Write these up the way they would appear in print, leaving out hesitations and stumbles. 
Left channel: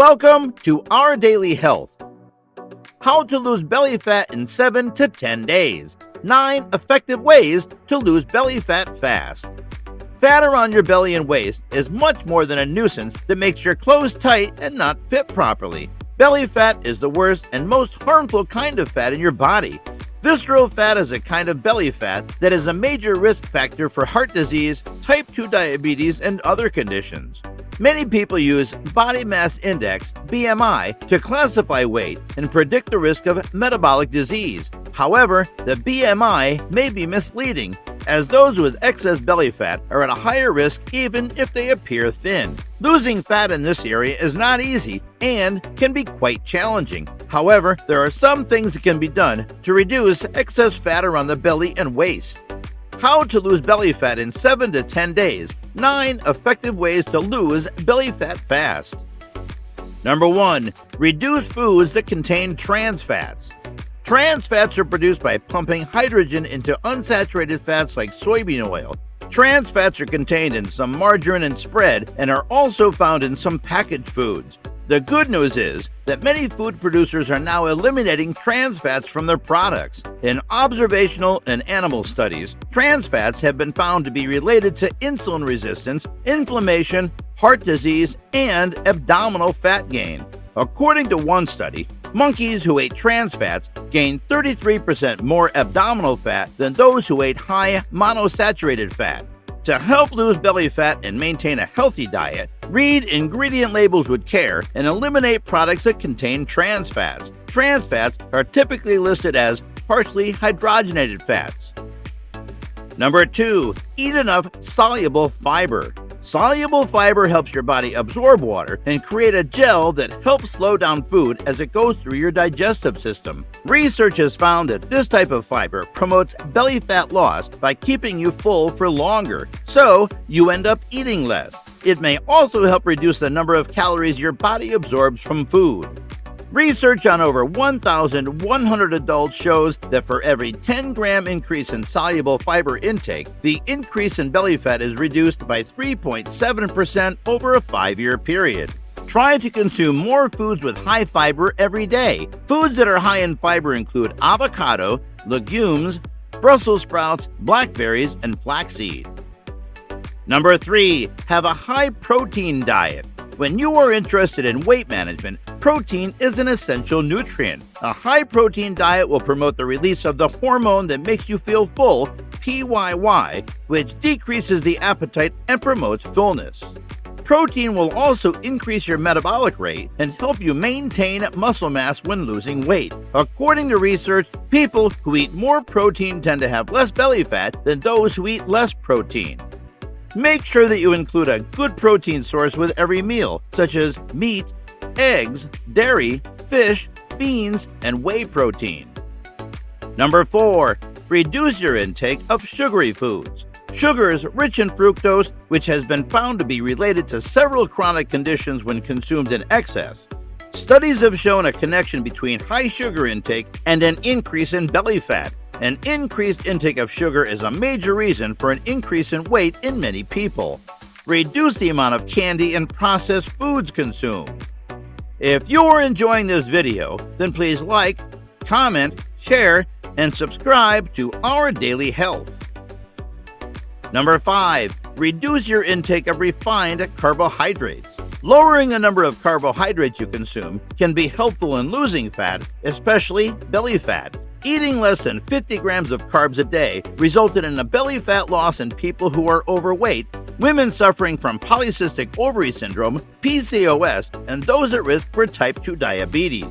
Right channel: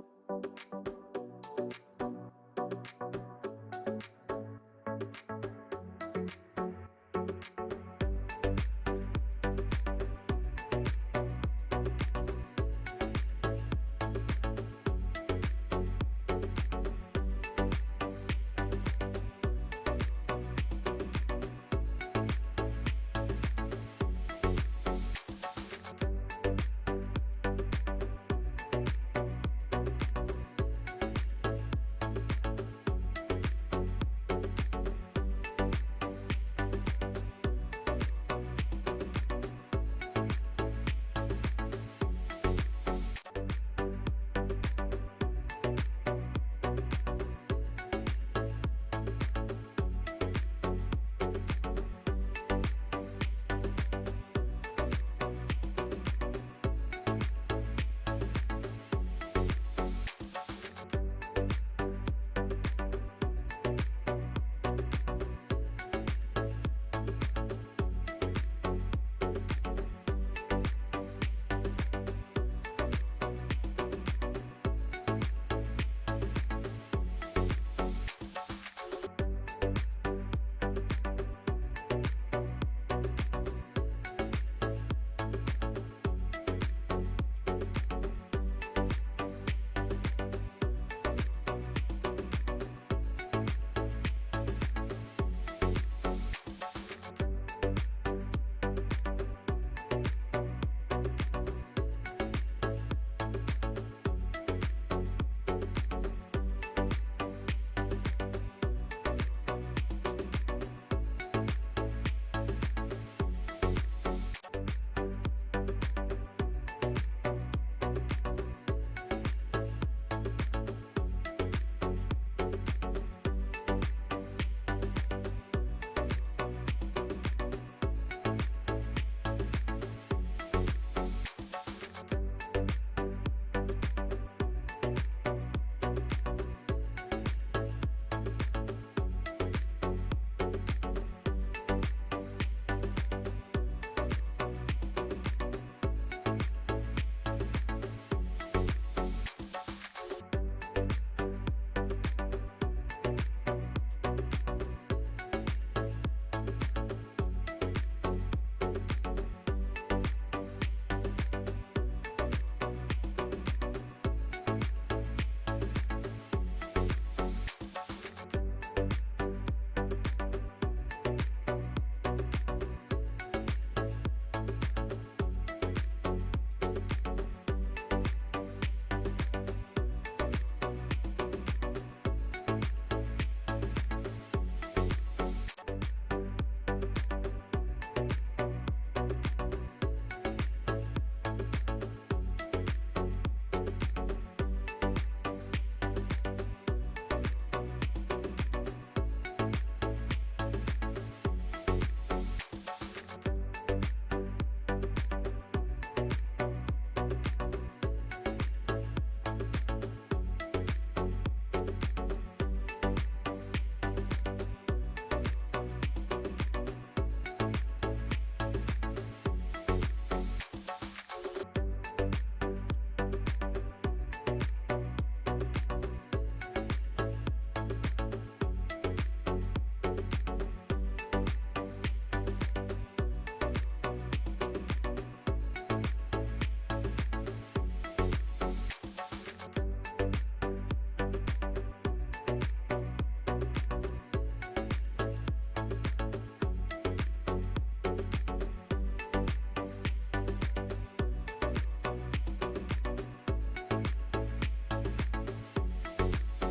Welcome to Our Daily Health. How to lose belly fat in 7 to 10 days. 9 effective ways to lose belly fat fast. Fat around your belly and waist is much more than a nuisance that makes your clothes tight and not fit properly. Belly fat is the worst and most harmful kind of fat in your body. Visceral fat is a kind of belly fat that is a major risk factor for heart disease, type 2 diabetes, and other conditions. Many people use body mass index, BMI, to classify weight and predict the risk of metabolic disease. However, the BMI may be misleading, as those with excess belly fat are at a higher risk even if they appear thin. Losing fat in this area is not easy and can be quite challenging. However, there are some things that can be done to reduce excess fat around the belly and waist. How to lose belly fat in 7 to 10 days. 9 effective ways to lose belly fat fast. Number 1. Reduce foods that contain trans fats. Trans fats are produced by pumping hydrogen into unsaturated fats like soybean oil. Trans fats are contained in some margarine and spread and are also found in some packaged foods. The good news is that many food producers are now eliminating trans fats from their products. In observational and animal studies, trans fats have been found to be related to insulin resistance, inflammation, heart disease, and abdominal fat gain. According to one study, monkeys who ate trans fats gained 33% more abdominal fat than those who ate high monosaturated fat. To help lose belly fat and maintain a healthy diet, read ingredient labels with care and eliminate products that contain trans fats. Trans fats are typically listed as partially hydrogenated fats. Number 2. Eat enough soluble fiber. Soluble fiber helps your body absorb water and create a gel that helps slow down food as it goes through your digestive system. Research has found that this type of fiber promotes belly fat loss by keeping you full for longer, so you end up eating less. It may also help reduce the number of calories your body absorbs from food. Research on over 1,100 adults shows that for every 10-gram increase in soluble fiber intake, the increase in belly fat is reduced by 3.7% over a 5-year period. Try to consume more foods with high fiber every day. Foods that are high in fiber include avocado, legumes, Brussels sprouts, blackberries, and flaxseed. Number 3. Have a high-protein diet. When you are interested in weight management, protein is an essential nutrient. A high-protein diet will promote the release of the hormone that makes you feel full, PYY, which decreases the appetite and promotes fullness. Protein will also increase your metabolic rate and help you maintain muscle mass when losing weight. According to research, people who eat more protein tend to have less belly fat than those who eat less protein. Make sure that you include a good protein source with every meal, such as meat, eggs, dairy, fish, beans, and whey protein. Number 4. Reduce your intake of sugary foods. Sugar is rich in fructose, which has been found to be related to several chronic conditions when consumed in excess. Studies have shown a connection between high sugar intake and an increase in belly fat. An increased intake of sugar is a major reason for an increase in weight in many people. Reduce the amount of candy and processed foods consumed. If you are enjoying this video, then please like, comment, share, and subscribe to Our Daily Health. Number 5. Reduce your intake of refined carbohydrates. Lowering the number of carbohydrates you consume can be helpful in losing fat, especially belly fat. Eating less than 50 grams of carbs a day resulted in a belly fat loss in people who are overweight, women suffering from polycystic ovary syndrome, PCOS, and those at risk for type 2 diabetes.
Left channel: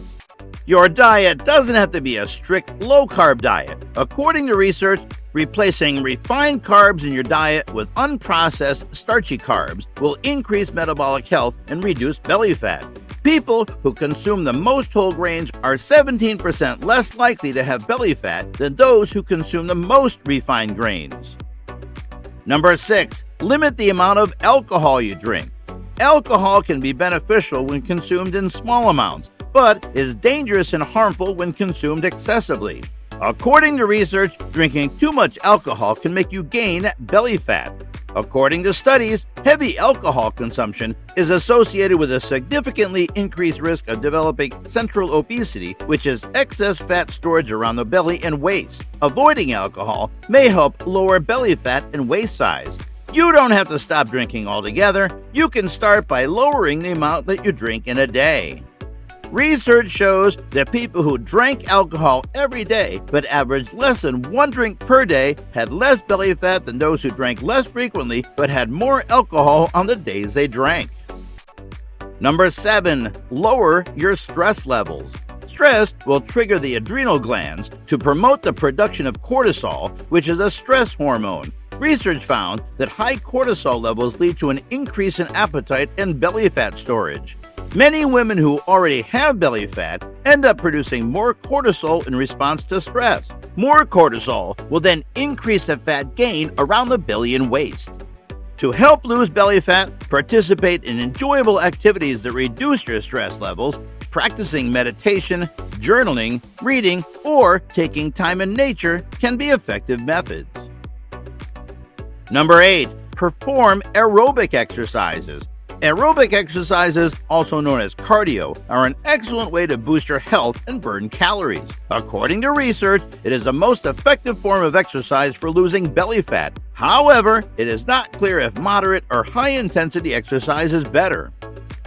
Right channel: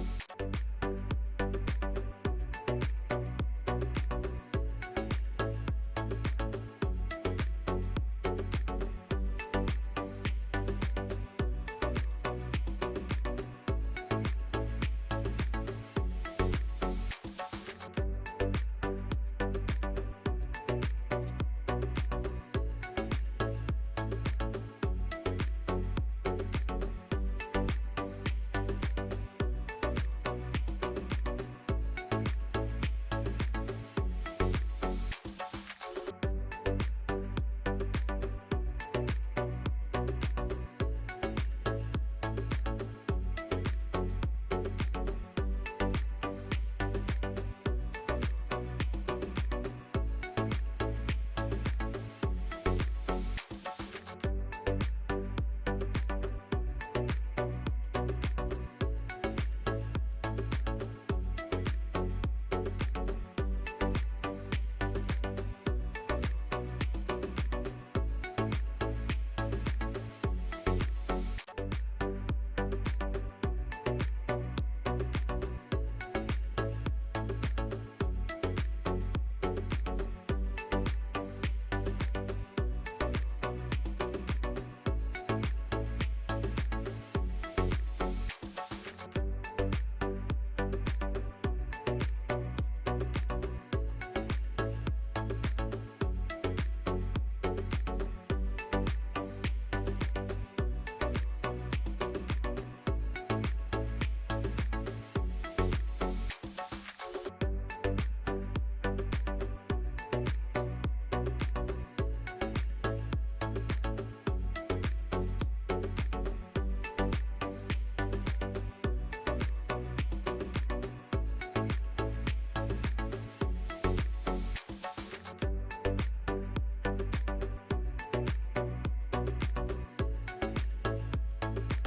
Your diet doesn't have to be a strict low-carb diet. According to research, replacing refined carbs in your diet with unprocessed starchy carbs will increase metabolic health and reduce belly fat. People who consume the most whole grains are 17% less likely to have belly fat than those who consume the most refined grains. Number 6. Limit the amount of alcohol you drink. Alcohol can be beneficial when consumed in small amounts, but is dangerous and harmful when consumed excessively. According to research, drinking too much alcohol can make you gain belly fat. According to studies, heavy alcohol consumption is associated with a significantly increased risk of developing central obesity, which is excess fat storage around the belly and waist. Avoiding alcohol may help lower belly fat and waist size. You don't have to stop drinking altogether. You can start by lowering the amount that you drink in a day. Research shows that people who drank alcohol every day but averaged less than 1 drink per day had less belly fat than those who drank less frequently but had more alcohol on the days they drank. Number 7. Lower your stress levels. Stress will trigger the adrenal glands to promote the production of cortisol, which is a stress hormone. Research found that high cortisol levels lead to an increase in appetite and belly fat storage. Many women who already have belly fat end up producing more cortisol in response to stress. More cortisol will then increase the fat gain around the belly and waist. To help lose belly fat, participate in enjoyable activities that reduce your stress levels. Practicing meditation, journaling, reading, or taking time in nature can be effective methods. Number 8. Perform aerobic exercises. Aerobic exercises, also known as cardio, are an excellent way to boost your health and burn calories. According to research, it is the most effective form of exercise for losing belly fat. However, it is not clear if moderate or high-intensity exercise is better.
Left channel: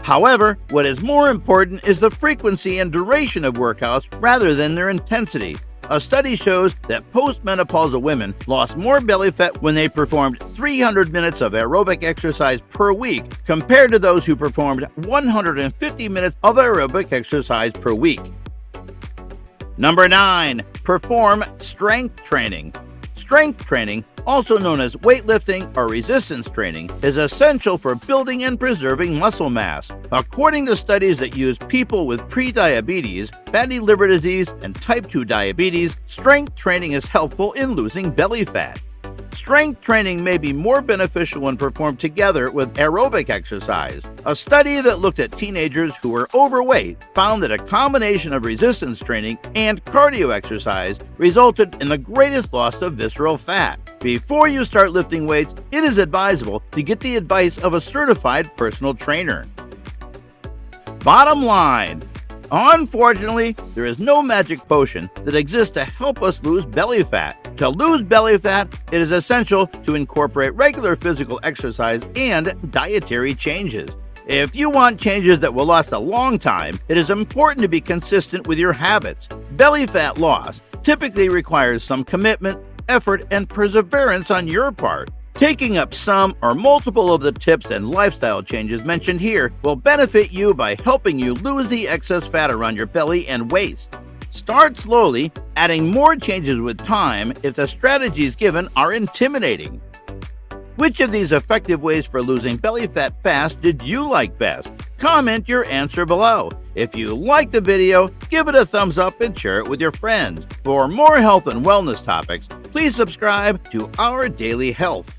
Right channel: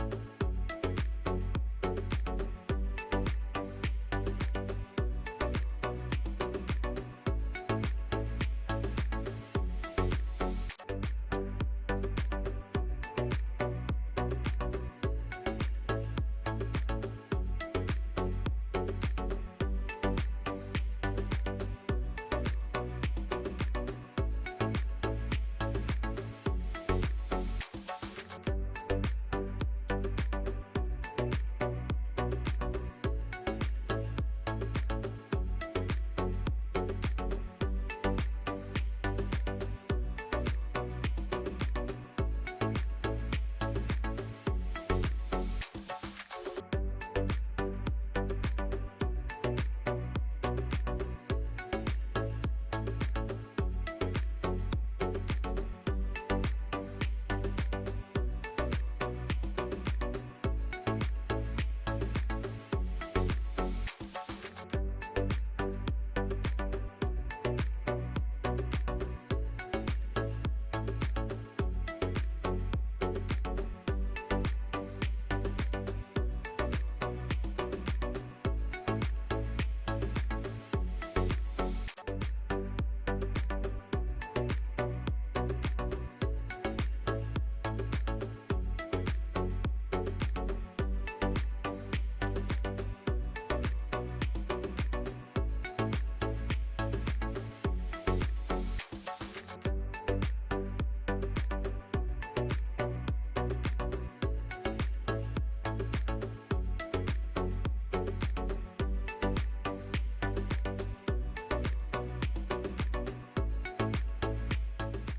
However, what is more important is the frequency and duration of workouts rather than their intensity. A study shows that postmenopausal women lost more belly fat when they performed 300 minutes of aerobic exercise per week compared to those who performed 150 minutes of aerobic exercise per week. Number 9. Perform strength training. Strength training, also known as weightlifting or resistance training, is essential for building and preserving muscle mass. According to studies that use people with prediabetes, fatty liver disease, and type 2 diabetes, strength training is helpful in losing belly fat. Strength training may be more beneficial when performed together with aerobic exercise. A study that looked at teenagers who were overweight found that a combination of resistance training and cardio exercise resulted in the greatest loss of visceral fat. Before you start lifting weights, it is advisable to get the advice of a certified personal trainer. Bottom line. Unfortunately, there is no magic potion that exists to help us lose belly fat. To lose belly fat, it is essential to incorporate regular physical exercise and dietary changes. If you want changes that will last a long time, it is important to be consistent with your habits. Belly fat loss typically requires some commitment, effort, and perseverance on your part. Taking up some or multiple of the tips and lifestyle changes mentioned here will benefit you by helping you lose the excess fat around your belly and waist. Start slowly, adding more changes with time if the strategies given are intimidating. Which of these effective ways for losing belly fat fast did you like best? Comment your answer below. If you liked the video, give it a thumbs up and share it with your friends. For more health and wellness topics, please subscribe to Our Daily Health.